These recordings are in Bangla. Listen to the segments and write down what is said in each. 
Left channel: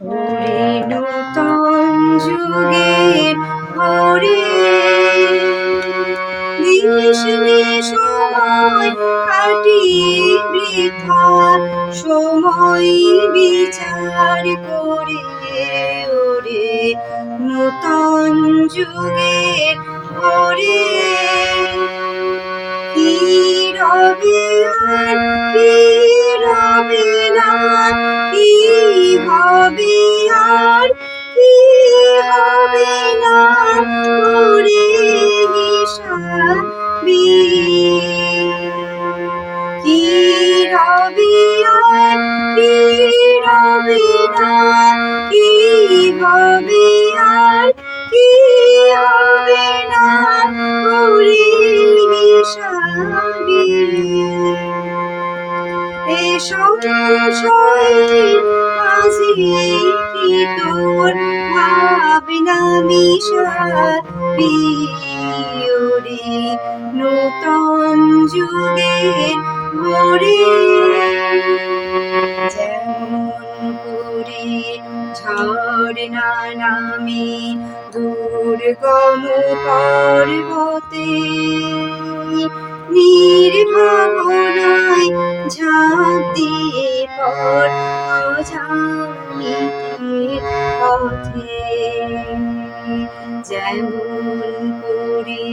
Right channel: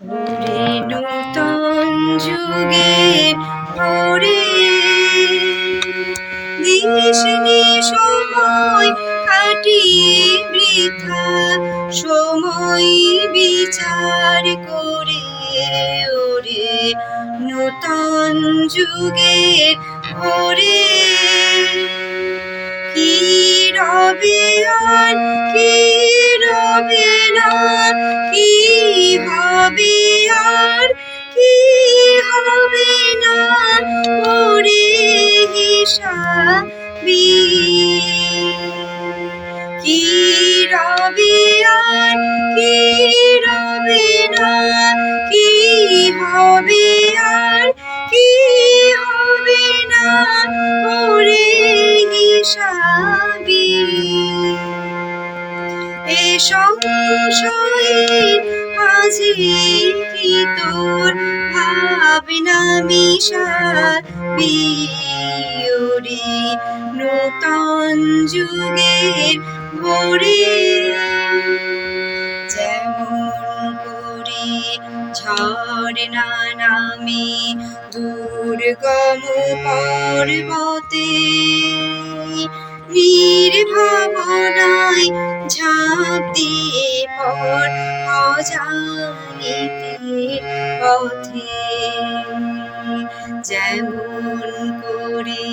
ওরে নূতন যুগের ভরে দিস নে সময় কাটিয়ে বৃথা, সময় বিচার করে ওরে নূতন যুগের ভরে। কি রবে আর কি রবে না, কি হবে আর কি হবে না, ওরে হিসাবি। কি রবে আর কি রবে না, কি হবে আর কি হবে না, ওরে হিসাবি। এ সংশয়ের মাঝে কি তোর ভাবনা মিশাবি, ওরে নূতন যুগের ভরে। যেমন করে ঝর্ণা নামে দুর্গম পর্বতে, নির্ভাবনায় ঝাঁপ দিয়ে পর অজানিতের পথে। যেমন করে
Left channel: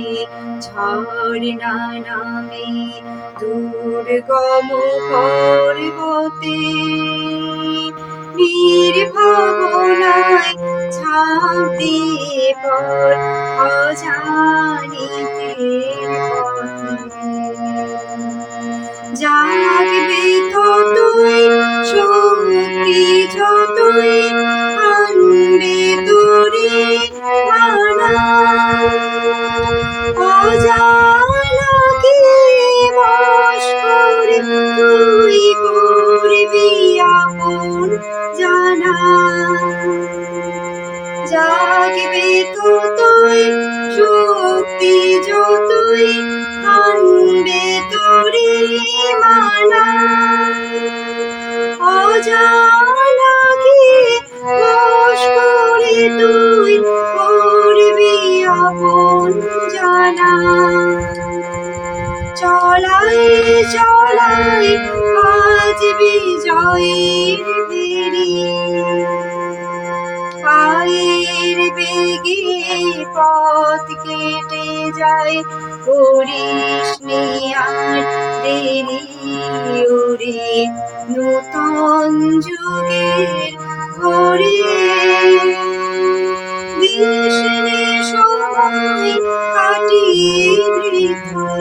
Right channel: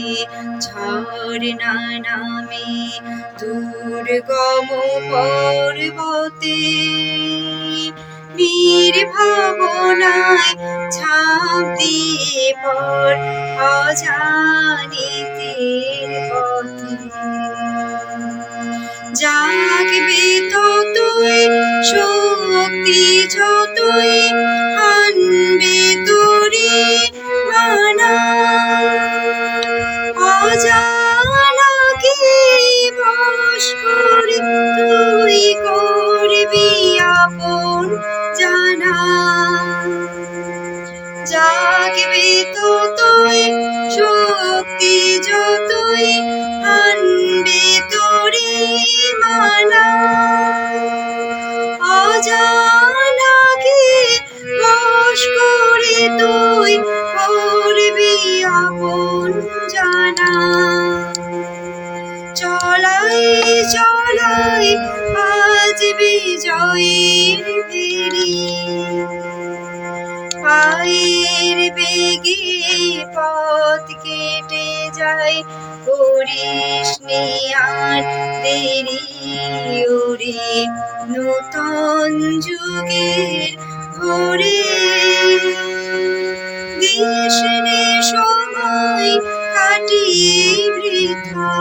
ঝর্ণা নামে দুর্গম পর্বতে, নির্ভাবনায় ঝাঁপ দিয়ে পর অজানিতের পথে। জাগবে ততই শক্তি যতই আনবে তোরে মানা, অজানাকে বশ করে তুই করবি আপন জানা। জাগবে ততই শক্তি যতই আনবে তোরে মানা, অজানাকে বশ করে তুই করবি আপন জানা। চলায় চলায় আজ বিজয়ের বেরি, পায়ের বেগে পথ কেটে যায়, করিস নি আর দেরি, ওরে নূতন যুগের ভরে। দিস নে সময় কাটিয়ে বৃথা,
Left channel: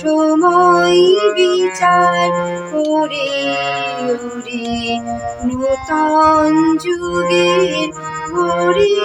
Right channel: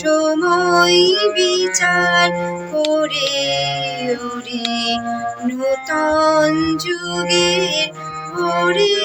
সময় বিচার করে ওরে নূতন যুগের ভরে।